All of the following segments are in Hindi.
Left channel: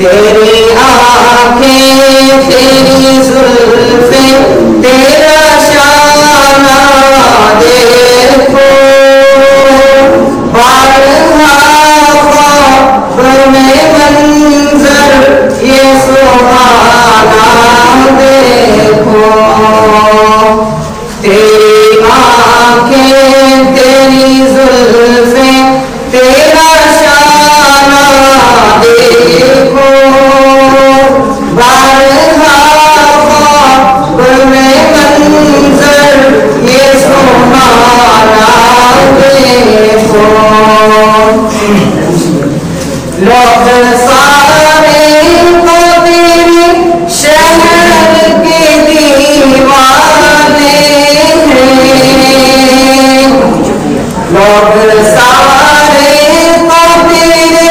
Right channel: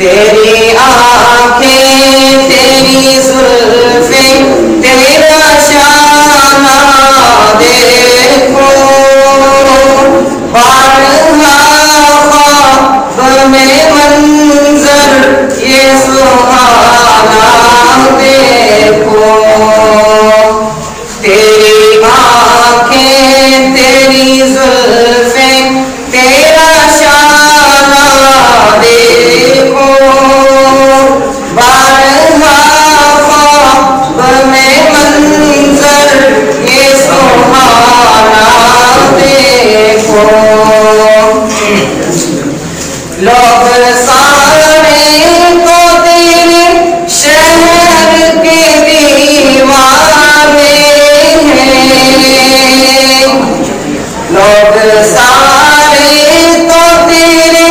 तेरी आंखें तेरी जुल्फें तेरा शाना देखो, बारहा ख्वाब में मंजर ये सुहाना देखो। तेरी आंखें तेरी जुल्फें तेरा शाना देखो, बारहा ख्वाब में मंजर ये सुहाना देखो। लोग सारे को तेरे शहर के दीवाने हैं, लोग सारे को तेरे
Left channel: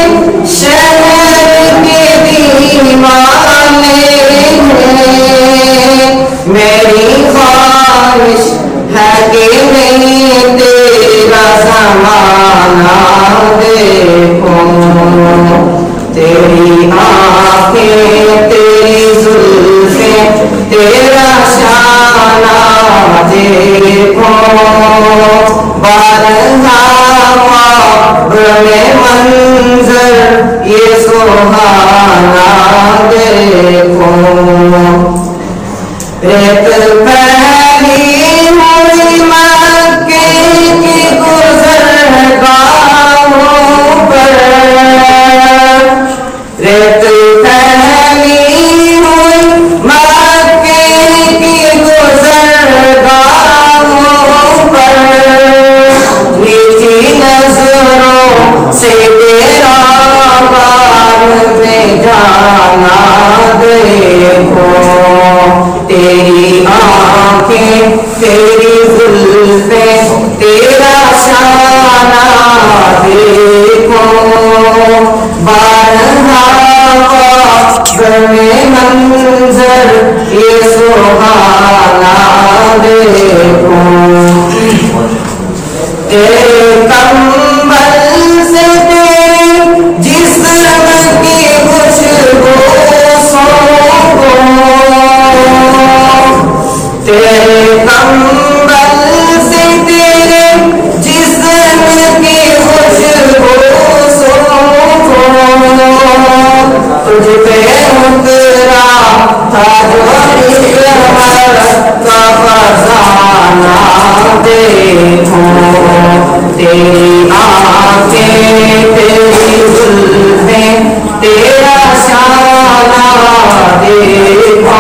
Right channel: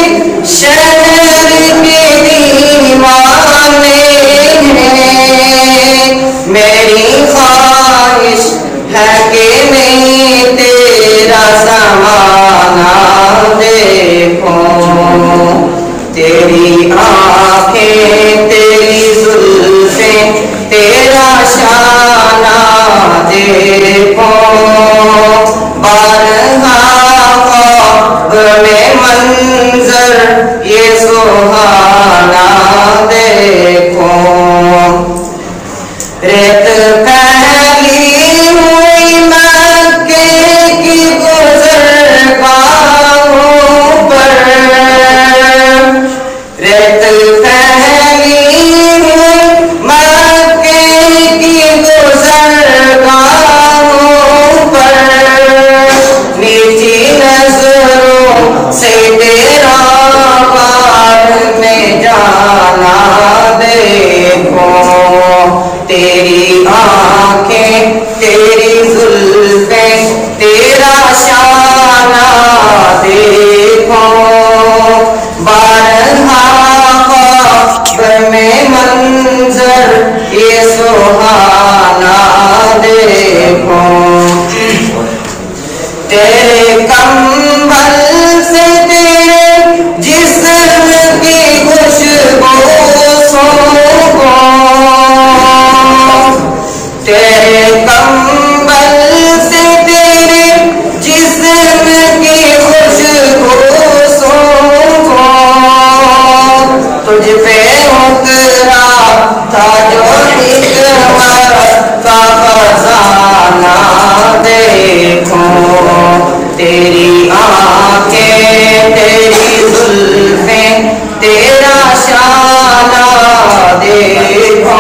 शहर के दीवाने हैं। मेरी ख्वाहिश है कि नहीं तेरा ज़माना देखो, तेरी आंखें तेरी जुल्फें तेरा शाना देखो, बारहा ख्वाब में मंजर ये सुहाना देखो। रेत पहली हुई मक्के की गुज़रगाहों पर, रेत पहली हुई मक्के की गुज़रगाहों पर, मीठी नजरों से तेरा बात में जाना देखो। तेरी आंखें तेरी जुल्फें तेरा शाना देखो, बारहा ख्वाब में मंजर ये सुहाना देखो। तेरे कंबल से तेरे जिस्म की खुशबू सोखो, तेरे कंबल से तेरे जिस्म की खुशबू सोखो। तुझ पे उतरा था जो का खजाना देखो। तेरी आंखें तेरी जुल्फें तेरा शाना देखो,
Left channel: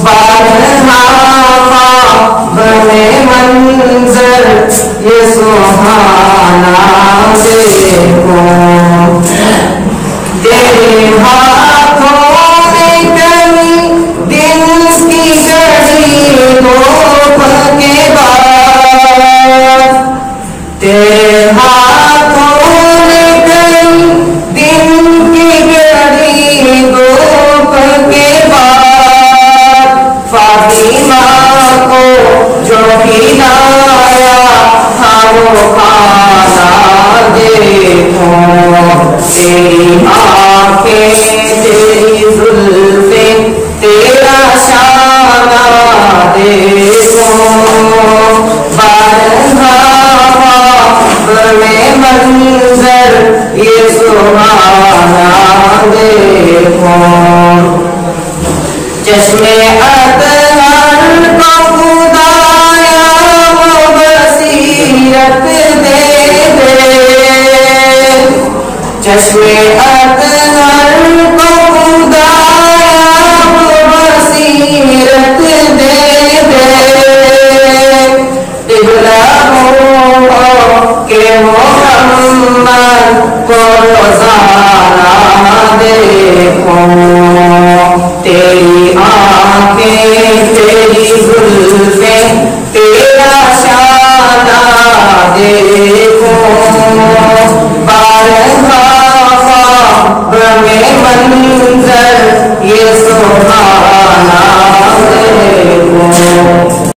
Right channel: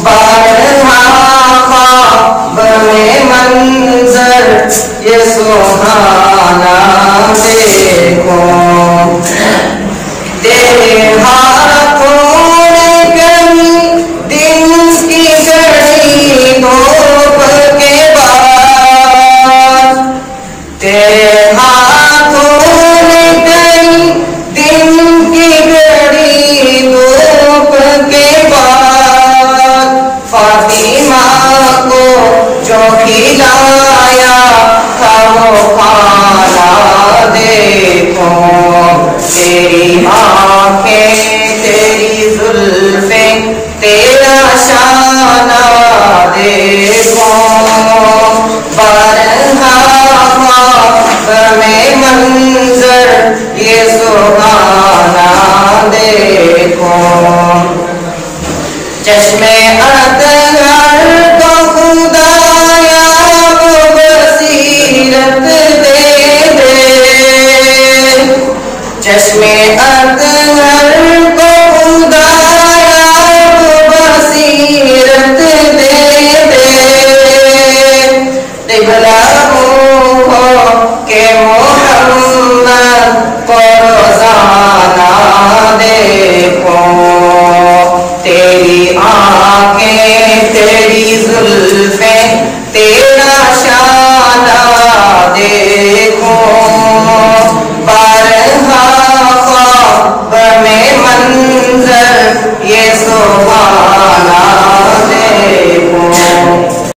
बारहा ख्वाब में मंजर ये सुहाना देखो। तेरे हाथों में कहीं दिन की घड़ी धूप के बाद, तेरे हाथों में कहीं दिन की घड़ी धूप के बाद, फातिमा को जो खिलाया था वो खाना देखो। तेरी आंखें तेरी जुल्फें तेरा शाना देखो, बारहा ख्वाब में मंजर ये सुहाना देखो। चश्मे अतहर को खुदाया वो बसीरत दे दे, चश्मे अतहर को